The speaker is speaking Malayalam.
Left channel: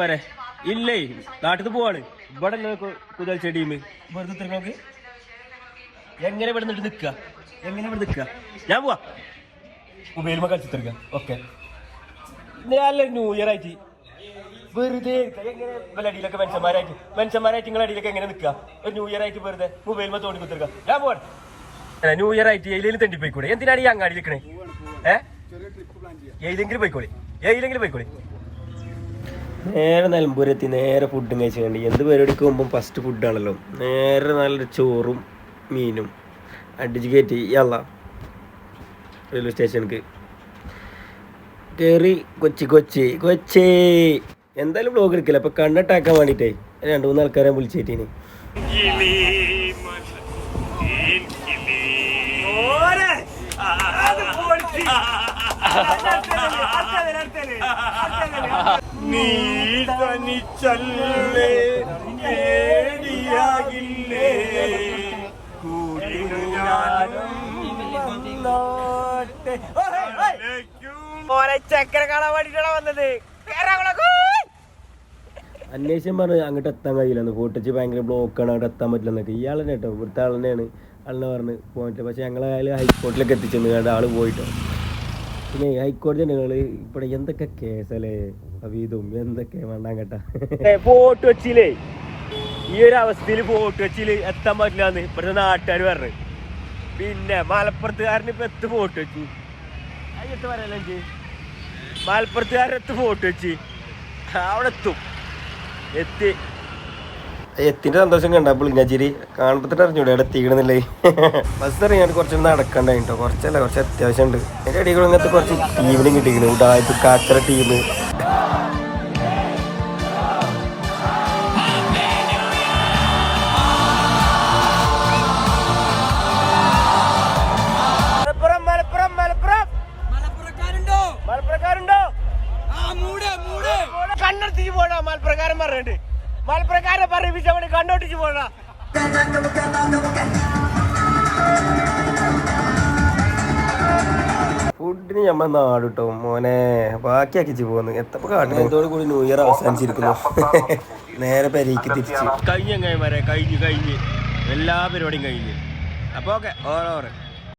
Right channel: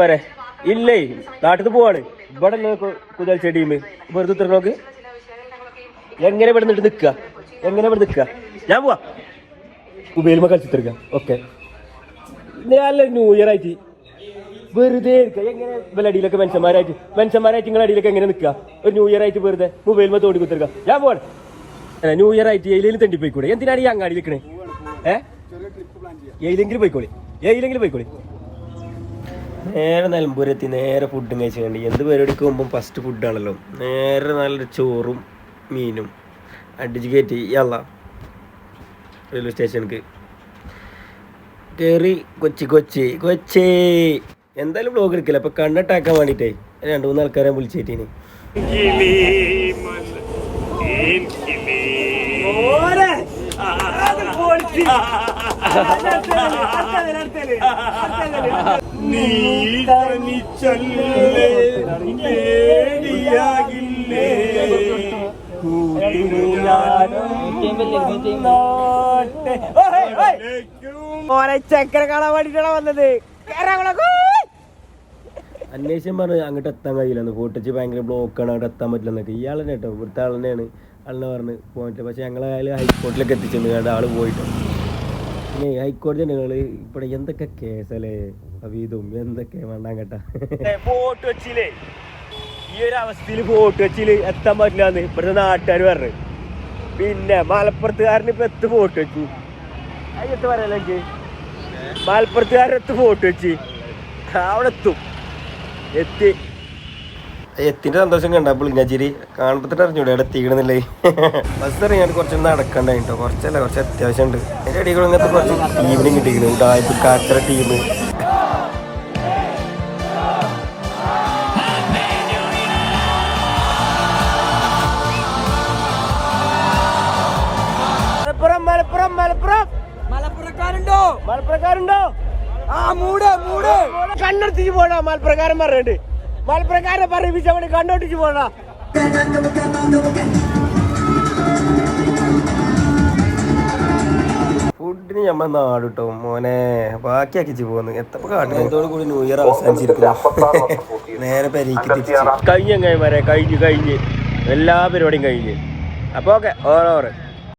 വരെ ഇല്ലേ നാട്ടിൽ പോവാണ്. ഇവിടെ കുതിച്ച ടീം വെറുതെ ഇത്ര നോക്ക്. എങ്ങനെ ഇവിടെ നിന്നിട്ട് നിൽക്കുക, എങ്ങനെ ഇവിടെ നിൽക്കുക? ഞാൻ പോവാ മൊബൈലുമ കളിച്ചിട്ടിരിക്കാം. ഓക്കെ, നല്ല ന്യൂ ഇയർ ആയിട്ട് വെറുതെ അടിയിലൊക്കെ മനുഷ്യന്മാരായിട്ട് നിങ്ങളുടെ അടിയിലൊക്കെ എങ്ങനെ നിൽക്കുക? ഒരു ന്യൂ ഇയർ ആയിട്ട് വെറുതെ മൊബൈലുമ തോണ്ടി കുത്തിരിക്കാം. ഞാൻ പോവാണ്. ന്യൂ ഇയർ ആയിട്ട് എയിലെങ്കിലും തെണ്ടി പോയിക്കൂടെ? എന്തിനാണ് ഈ അങ്ങാടി നിൽക്കണേ? എയിലെങ്കിലും പോയിക്കോളി, എയിലെങ്കിലും പോയിക്കോളി. നേരെ നിലമ്പൂരെത്തി നേരെ ഫുഡും കഴിച്ചുകൊണ്ട് എന്ത് പരിപാടിക്ക് മുമ്പും ഫസ്റ്റ് ഫുഡാണല്ലോ. നേരെ നല്ലൊരു ചോറും മീനും അടിച്ച് കയറ്റി യല്ല റെയിൽവേ സ്റ്റേഷനിക്ക് കയറി. കൊച്ചി എന്തായാലും ബ്ലോഗ് എടുക്കില്ല. അപ്പോൾ കണ്ടിട്ടാക്കാൻ വേണ്ടിയിട്ടേ 2-3 ആൾക്കാരെ വിളിച്ചേറ്റീന്. ചക്കര കാണാൻ വേണ്ടിട്ടാണ് വന്നത്. അന്വേഷണം പറഞ്ഞു അങ്ങോട്ട് എത്താൻ കഴിയില്ലെന്ന്. ഫോട്ടോച്ച് ഭയങ്കര ബ്ലോക്കാണ്, അങ്ങോട്ട് എത്താൻ പറ്റില്ലെന്നൊക്കെ. ഇയാളെ കേട്ടോ, ഇവിടുത്തെ ആൾ തന്നെയാണ്. ആളിനെ പറഞ്ഞ് പോയിട്ട് പക്ഷെ ഞങ്ങൾ ഹൈക്കോടതിയിലൊക്കെ എത്തിച്ചെന്ന് കണ്ട് ആൾ പോയിട്ടോ. പിന്നെ ഹൈക്കോടതി ഞങ്ങൾ ഇവിടെ എന്തൊക്കെ കേസല്ലേ അവീതും എന്തൊക്കെ വേണ്ടാം കേട്ടാ. ഫോട്ടോ വെച്ചില്ലേ ഈ ഒരു അവസ്ഥയിൽ ഫോട്ടോ വെച്ചില് എത്താൻ പറ്റില്ലാന്ന് ഇവിടുത്തെ നാട്ടുകാർ പറഞ്ഞു. പിന്നെ മലപ്പുറത്തുകാരന് ഇപ്പൊ എത്ത് ഫോട്ടോ വെച്ചു അയ്യത്ത് പറയല്ല എനിക്ക്. മലപ്പുറത്തുകാരെത്ത് ഫോട്ടോ വെച്ച് അവിടെ എത്തിന്റെ സന്തോഷം കണ്ടപ്പോൾ ഞാച്ചിരി കാണുമ്പത്തിട്ട് അറിഞ്ഞൂടെ അവിടെ എത്തിക്കണമെന്നില്ലേ. ബസ് ഇറങ്ങിയാൽ കുറച്ചൊന്നും നടക്കണ്ടായിട്ടോ. കുറച്ചല്ല, കുറച്ച് അത്യാവശ്യം ഉണ്ട്. അതിൻ്റെ അടികൾ ഇങ്ങനത്തെ കുറച്ച് ടീമിനും കിട്ടിയിരിക്കുന്നു. ഉടായ്പ കാച്ചറ ടീം, കണ്ണെടുത്തേക്ക് പോണ മലപ്രകാരം പറഞ്ഞിട്ട് മലപ്രകാരം പറയിപ്പിച്ചവന് കണ്ണോട്ടിച്ച് പോണ. ഫുഡിന് ഞമ്മ നാട് കിട്ടോ മോനെ ബാക്കിയാക്കിച്ച് പോകുന്നു. എത്തപ്പോ കാട്ടുന്നതോട് കൂടി ന്യൂ ഇയർ അവസാനിച്ചിരിക്കുന്നു. നേരെ പെരേക്ക് തിരിച്ച് കഴിഞ്ഞ കഴിഞ്ഞ് എല്ലാ പരിപാടിയും കഴിഞ്ഞ്. അപ്പൊ ഓക്കെ ഓരോ